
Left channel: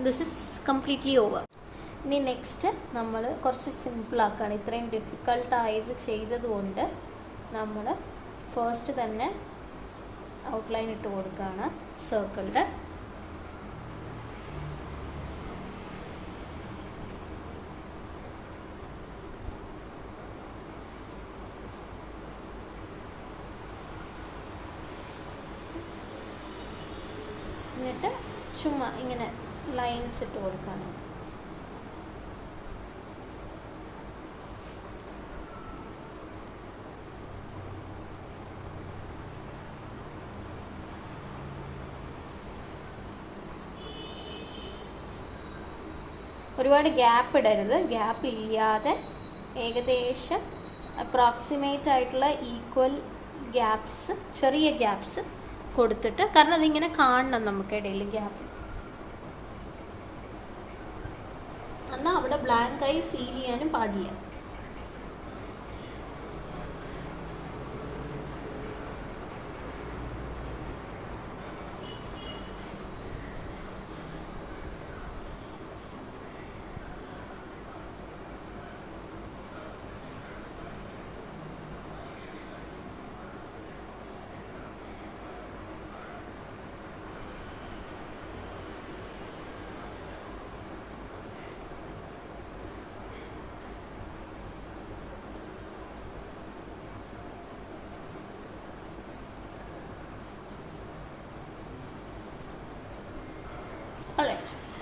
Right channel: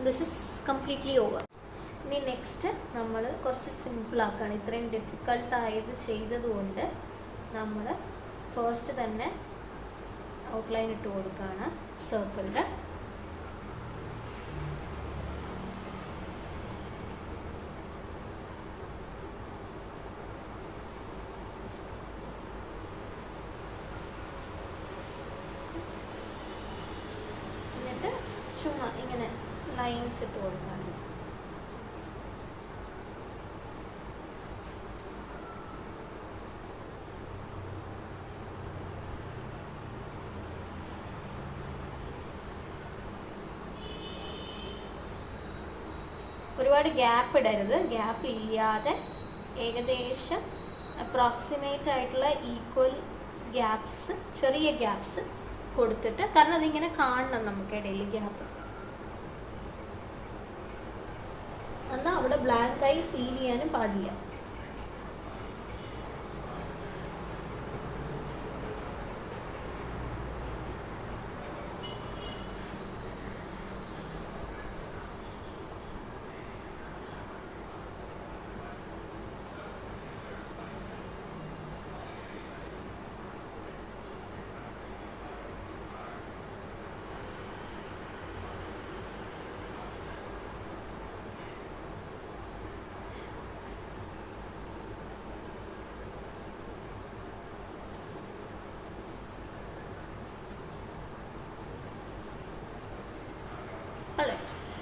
This is completely over. ഇനി നെക്സ്റ്റ് നമ്മൾ കുറച്ച് സിമ്പിളാക്കുകയാണ്. ഇത്രയും ഡിഫിക്കൾട്ടായത് ചെയ്തതുകൊണ്ട് നമ്മൾ ഫസ്റ്റ് തന്നെ ഔട്ട്ലൈൻ ഇട്ട് കൊടുക്കുകയാണ് സർക്കിളിൻ്റെ. എന്നിട്ട് ചുമ്മാ ഇങ്ങനെ ലൈൻസ് ഇട്ട് കൊടുക്കുകയാണ്. ഒരുപാട് ഗ്യാപ്പ് ഇടരുത്. ഗ്യാപ്പ് ഇല്ലാതെ ഏകദേശം അപ്രോക്സിമേറ്റ് ആയിട്ടുള്ള ഈക്വൽ ഗ്യാപ്സ്, ചെറിയ ഗ്യാപ്സ് കൊടുത്തിട്ട്, കാരണം അതിങ്ങനെ കാണണം നമുക്ക് ഇടയിൽ ഗ്യാപ്പ്. എന്നാൽ അവിടെ ബ്ലാക്കായി ഫീൽ ചെയ്യാനും പാടില്ല.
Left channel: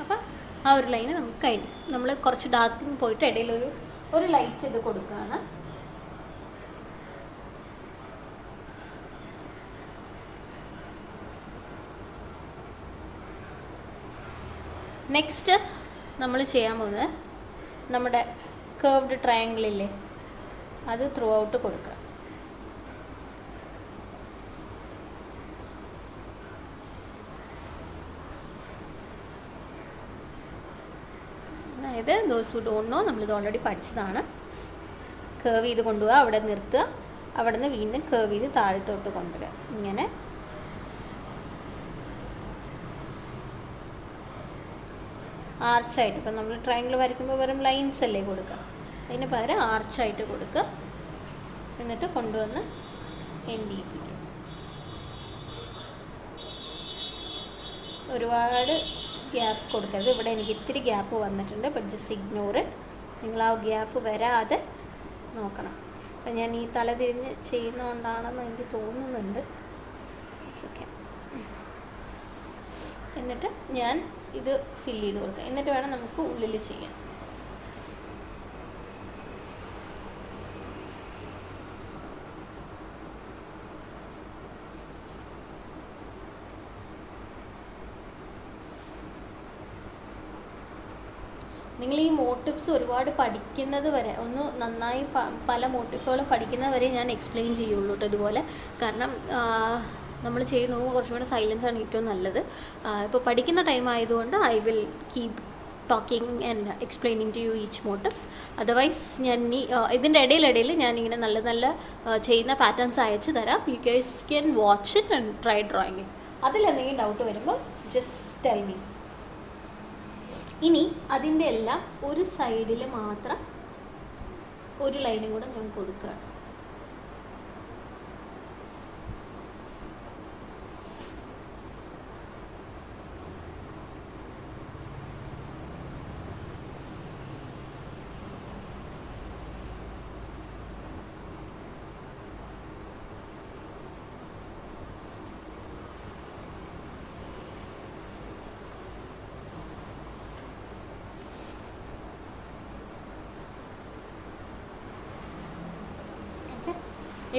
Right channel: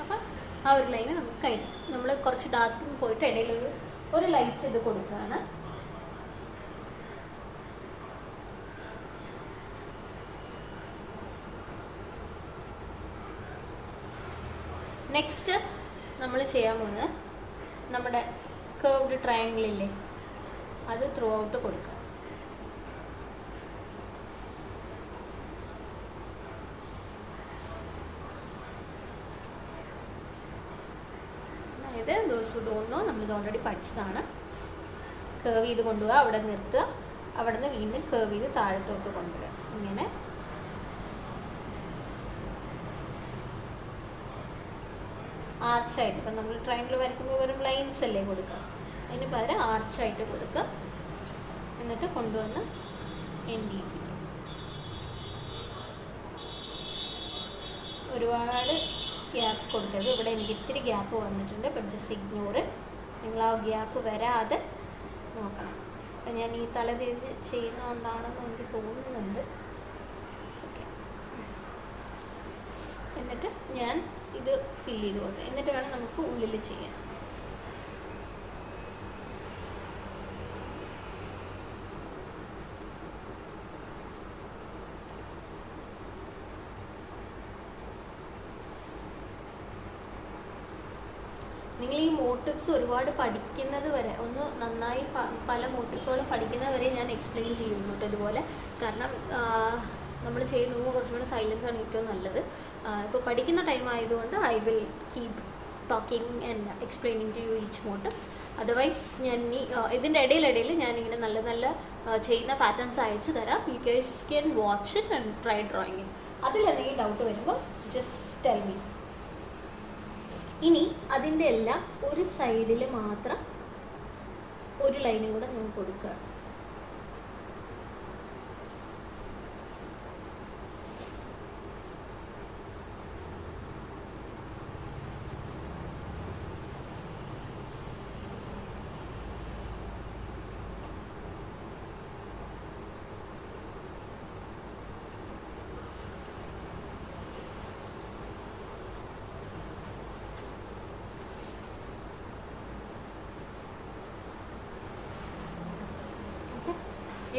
അപ്പം ആ ഒരു ലൈന് നമുക്ക് കഴിഞ്ഞു. നമ്മൾ കുറച്ച് ഡാർക്കിങ് പോയിട്ട് ഇടയിൽ ഒരു ലൈറ്റ് ഇത് കൊടുക്കുകയാണ്. നെക്സ്റ്റ് നമ്മൾ ചെയ്യാൻ പോകുന്നത് നമ്മുടെ കർവ്ഡ് ട്രയാങ്കിളില്ലേ, അത് ത്രൂ ഔട്ട് കൊടുക്കുക. അതായത് ദോസ് ഹു ഡോണ്ട് നോ, നമ്മളിത് ഓൾറെഡി പഠിച്ചതാണ്. കർവ് ചെയ്ത് കൊണ്ടുപോവുക, അവിടെ നിർത്തുക, അവിടെ നിന്ന് വീണ്ടും കർവ് ചെയ്ത് താഴത്തോട്ട് കൊണ്ടുവരിക. ഇങ്ങനെ ആർച്ചായിട്ട്, ഇപ്പം നമ്മൾ ട്രയാങ്കിൾ വരയ്ക്കുമ്പോൾ വെറും ലൈൻസ് അല്ലേ കൊടുക്കുക, ഇതിന് പകരം ആർച്ചായിട്ട് കൊടുക്കുക. എന്നിട്ട് കൊണ്ടുവന്ന് എൻഡ് ചെയ്യിപ്പിക്കുക. ഒരുപാട് ഗ്യാപ്പ് കൊടുക്കരുത്. ഇവിടെ എനിക്ക് ഇത്തിരി ഗ്യാപ്പ് വന്നിട്ടുണ്ട്, ബട്ട് ജസ്റ്റ് ഇഗ്നോറ്. നിങ്ങൾ ആ ഗ്യാപ്പ് വരാതെ നോക്കണം. അപ്പം ഞാൻ ഈ തല തിരിഞ്ഞ് ചെയ്യുന്നതുകൊണ്ടാണെന്ന് എനിക്ക് തോന്നുന്നുണ്ട്. ഓക്കെ, എന്നിട്ട് ഞാൻ ഇത് ഫില്ല് ചെയ്ത് കൊടുക്കുക. എന്നിട്ട് വേണം നമുക്ക് ഉള്ളിൽ ചെയ്യാൻ. നിങ്ങൾ ഈ മോട്ടിവ്സ് ഒരുപാട് പഠിക്കുന്നത് വരെ, ഒന്ന് നന്നായി പല മോട്ടിവ്സുകളും പഠിക്കുന്നത് വരെ ഞാൻ എക്സ്പ്ലെയിൻ ചെയ്യുള്ളൂ കേട്ടോ ഇതുപോലെ. കാരണം നമ്മൾ ചെയ്യുന്നത് കുറച്ചുകൂടെ സൈലൻസ് ആണ് ഏറ്റവും നല്ലത്. ഇപ്പോൾ പഠിക്കുന്ന ടൈം ആയതുകൊണ്ട് I will keep talking and explaining to you each motives. Otherwise ഞാൻ ഇതിൻ്റെ ഇടയിലിടയിൽ ഞാനിങ്ങനെ നല്ല നല്ല ചെയ്യുന്ന പാറ്റേൺസ് അയച്ചു തരാം. You guys can watch it and try drawing. അതിലെന്തെങ്കിലും ഡൗട്ട് വരുമ്പോൾ ജസ്റ്റ് ടെൽ മീ. ഇനി അതിൻ്റെ എല്ലാം ഒരു സൈഡിൽ മാത്രം ഒരു ലൈനും കൂടെ ഞാൻ കൊടുക്കുകയാണ്.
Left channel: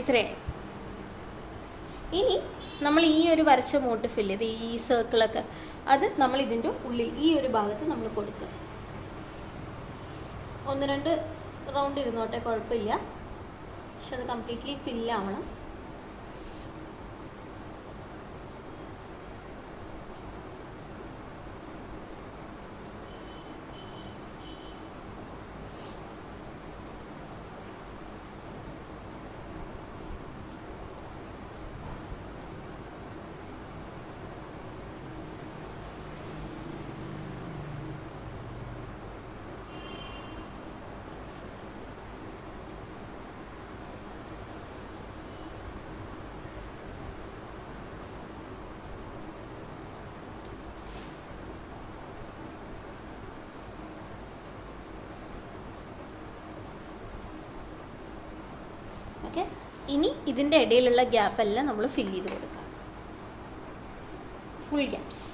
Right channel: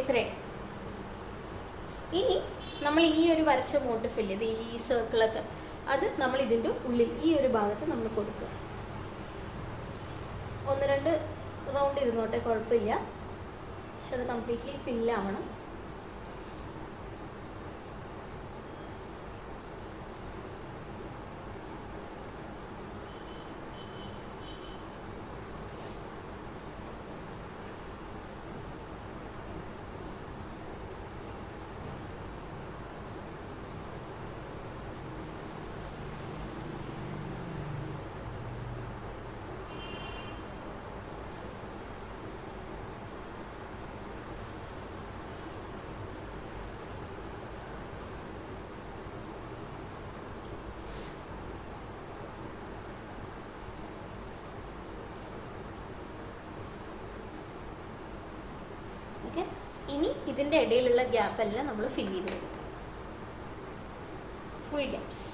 ഇത്രേ. ഇനി നമ്മൾ ഈ ഒരു വരച്ച മോട്ടിഫ് ഇല്ലേ, ഇത് ഈ സർക്കിളൊക്കെ, അത് നമ്മൾ ഇതിൻ്റെ ഉള്ളിൽ ഈ ഒരു ഭാഗത്ത് നമ്മൾ കൊടുക്കുക. 1-2 റൗണ്ട് ഇരുന്നോട്ടെ, കുഴപ്പമില്ല. പക്ഷെ അത് കംപ്ലീറ്റ്ലി ഫില്ലാവണം. ഓക്കെ. ഇനി ഇതിൻ്റെ ഇടയിലുള്ള ഗ്യാപ്പെല്ലാം നമ്മൾ ഫില്ല് ചെയ്ത് കൊടുക്കും. Full gaps.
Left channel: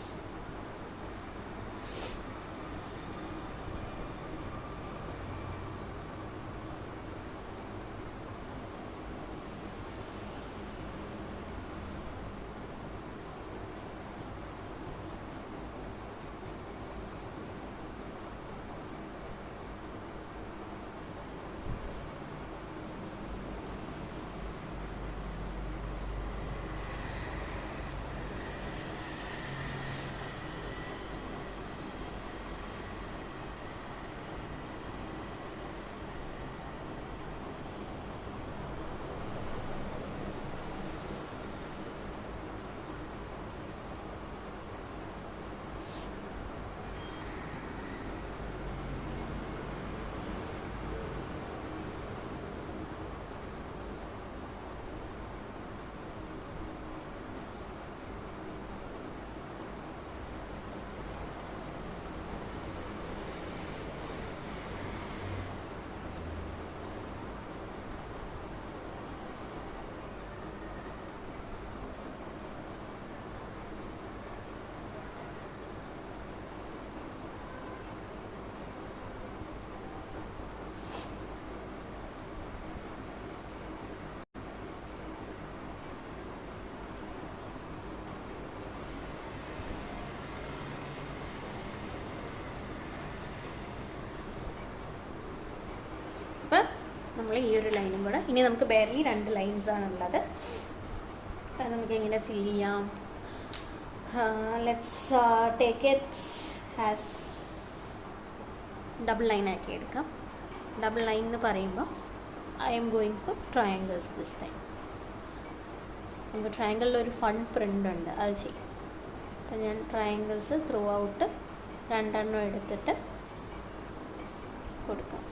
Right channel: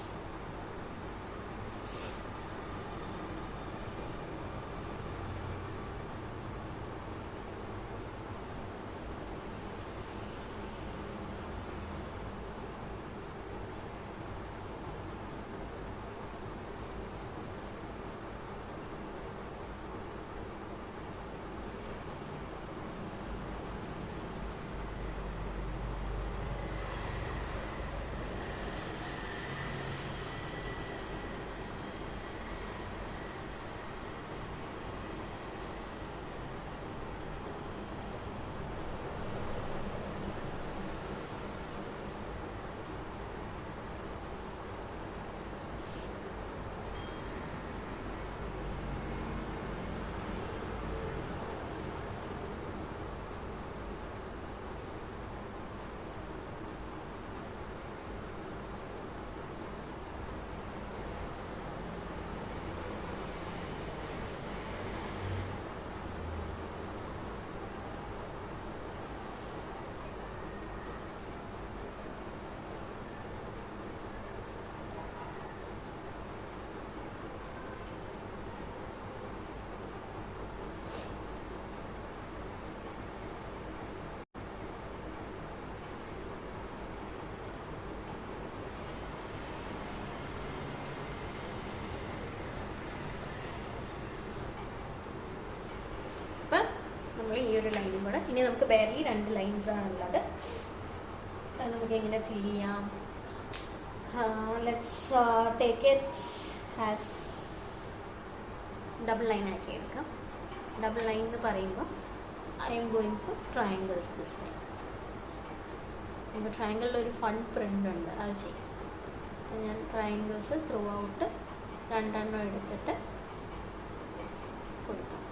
നമ്മൾ ഈ ഒരു ലൈനും കൂടെ, ഇനി നമുക്ക് ബെയർലി 2 ലൈൻസാണുള്ളത്. അത് നമുക്ക് എങ്ങനെ ഫില്ല് ചെയ്യാം? Let's take it as double line ആക്കി എടുക്കാം. ഡബിൾ ലൈൻ എന്ന് പറയുമ്പോൾ I am going for triangles this time. നമുക്ക് ട്രയാങ്കിളിൽ ഒരു ഫൺ പ്രിൻ്റ് ഉണ്ട്, അത് ചെയ്യും. അപ്പം ഞാൻ ട്രയാങ്കിൾസ് ത്രൂ ഔട്ട് 2 എണ്ണം എടുത്തിട്ട് കൊടുക്കാം.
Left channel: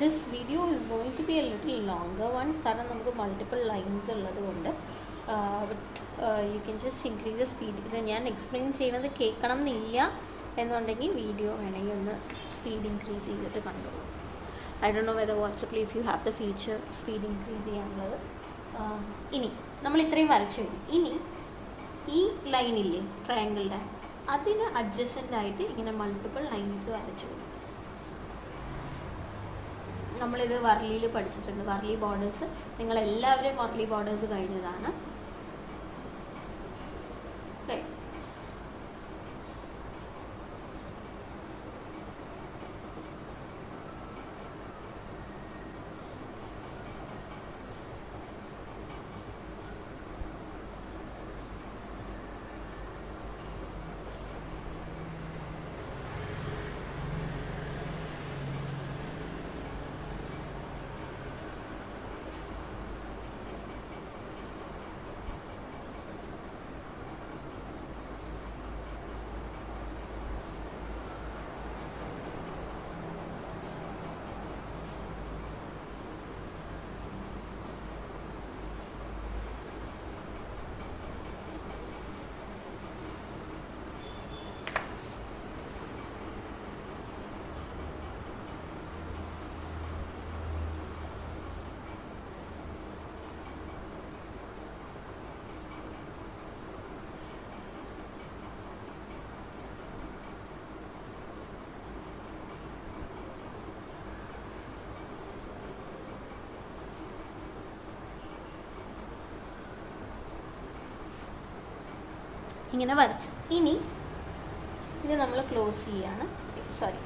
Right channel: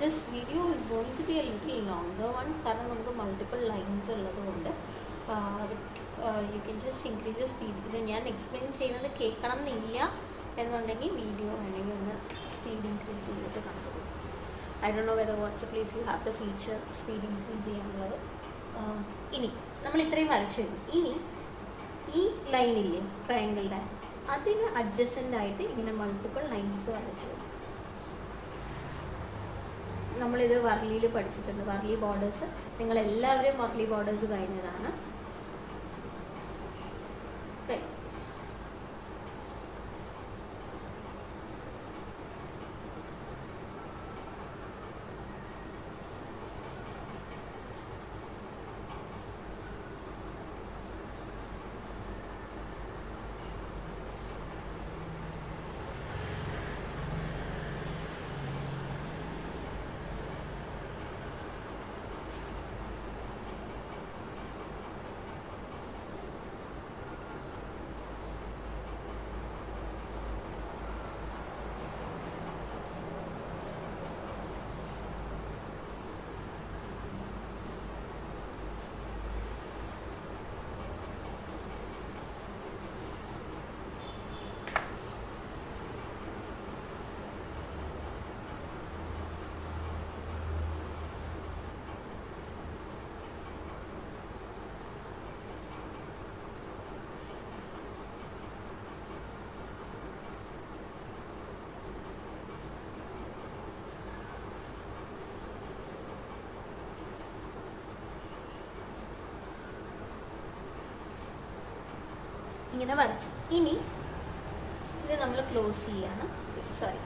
This video is going to be a little longer one കാരണം നമുക്ക് മൾട്ടിപ്പിൾ ലൈൻസ് ഉള്ളത് കൊണ്ട്. But you can just increase the speed. ഇത് ഞാൻ എക്സ്പ്ലെയിൻ ചെയ്യുന്നത് കേൾക്കണം എന്നില്ല എന്നുണ്ടെങ്കിൽ വീഡിയോ വേണമെങ്കിൽ ഒന്ന് സ്പീഡ് ഇൻക്രീസ് ചെയ്തിട്ട് കണ്ടോളൂ. ഐ ഡോണ്ട് നോ വെദർ വാട്സപ്പിൽ if you have the feature speed increase ചെയ്യാനുള്ളത്. ഇനി നമ്മൾ ഇത്രയും വരച്ചു കഴിഞ്ഞു. ഇനി ഈ ലൈനില്ലേ ട്രയാങ്കിളിൻ്റെ, അതിന് അഡ്ജസ്റ്റൻ്റ് ആയിട്ട് ഇങ്ങനെ മൾട്ടിപ്പിൾ ലൈൻസ് വരച്ചു. നമ്മളിത് വർലിയിൽ പഠിച്ചിട്ടുണ്ട്, വർലി ബോർഡേഴ്സ്. നിങ്ങളെല്ലാവരും വർലി ബോർഡേഴ്സ് കഴിഞ്ഞതാണ്. ഇങ്ങനെ വരച്ചു. ഇനി ഇത് നമ്മൾ ക്ലോസ് ചെയ്യാണ്. സോറി,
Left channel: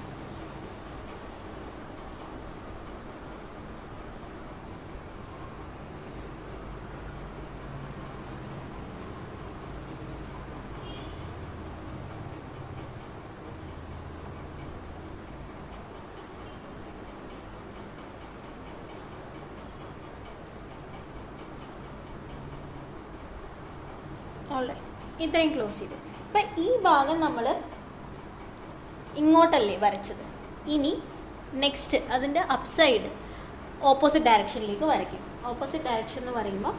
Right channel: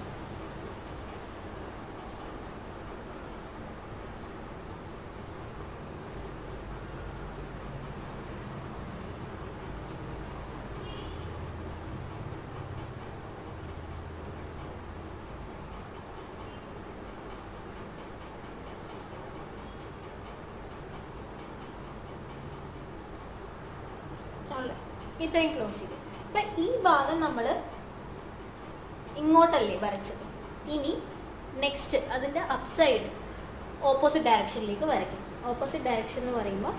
ഇത്രയും ക്ലോസ് ചെയ്തു. അപ്പം ഈ ഭാഗം നമ്മൾ ഇങ്ങോട്ടല്ലേ വരച്ചത്. ഇനി നെക്സ്റ്റ് അതിൻ്റെ അപ്സൈഡ് ഓപ്പോസിറ്റ് ഡയറക്ഷനിലേക്ക് വരയ്ക്കും. ഓപ്പോസിറ്റ് ഡയറക്ഷൻ എന്ന് പറയുമ്പോൾ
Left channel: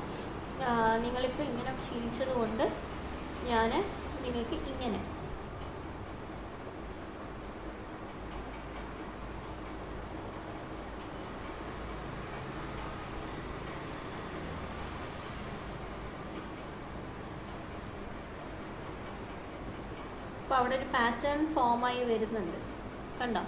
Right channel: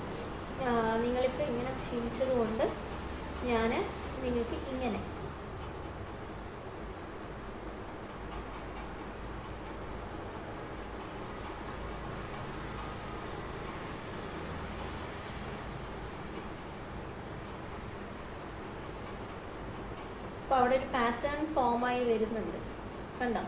നിങ്ങളിപ്പോൾ ഇങ്ങനെ ശീലിച്ചത് കൊണ്ട് ഞാൻ നിങ്ങൾക്ക് ഇങ്ങനെ അപ്പോൾ അവിടെ ഒരു പാറ്റേൺ ഫോമായി വരുന്നുണ്ട്, കണ്ടോ?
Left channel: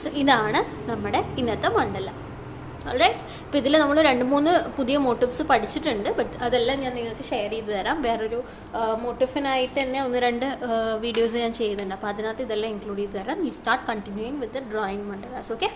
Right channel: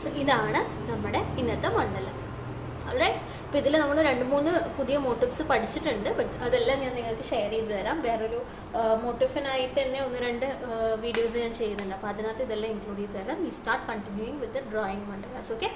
സോ ഇതാണ് നമ്മുടെ ഇന്നത്തെ മണ്ഡല. ഓൾറൈറ്റ്. അപ്പോൾ ഇതിൽ നമ്മൾ 2-3 പുതിയ മോട്ടീവ്സ് പഠിച്ചിട്ടുണ്ട്. ബട്ട് അതെല്ലാം ഞാൻ നിങ്ങൾക്ക് ഷെയർ ചെയ്ത് തരാം. വേറൊരു മോട്ടീഫിനായിട്ട് തന്നെ 1-2 വീഡിയോസ് ഞാൻ ചെയ്യുന്നുണ്ട്. അപ്പോൾ അതിനകത്ത് ഇതെല്ലാം ഇൻക്ലൂഡ് ചെയ്ത് തരാം. You start continuing with the drawing mandalas. Okay.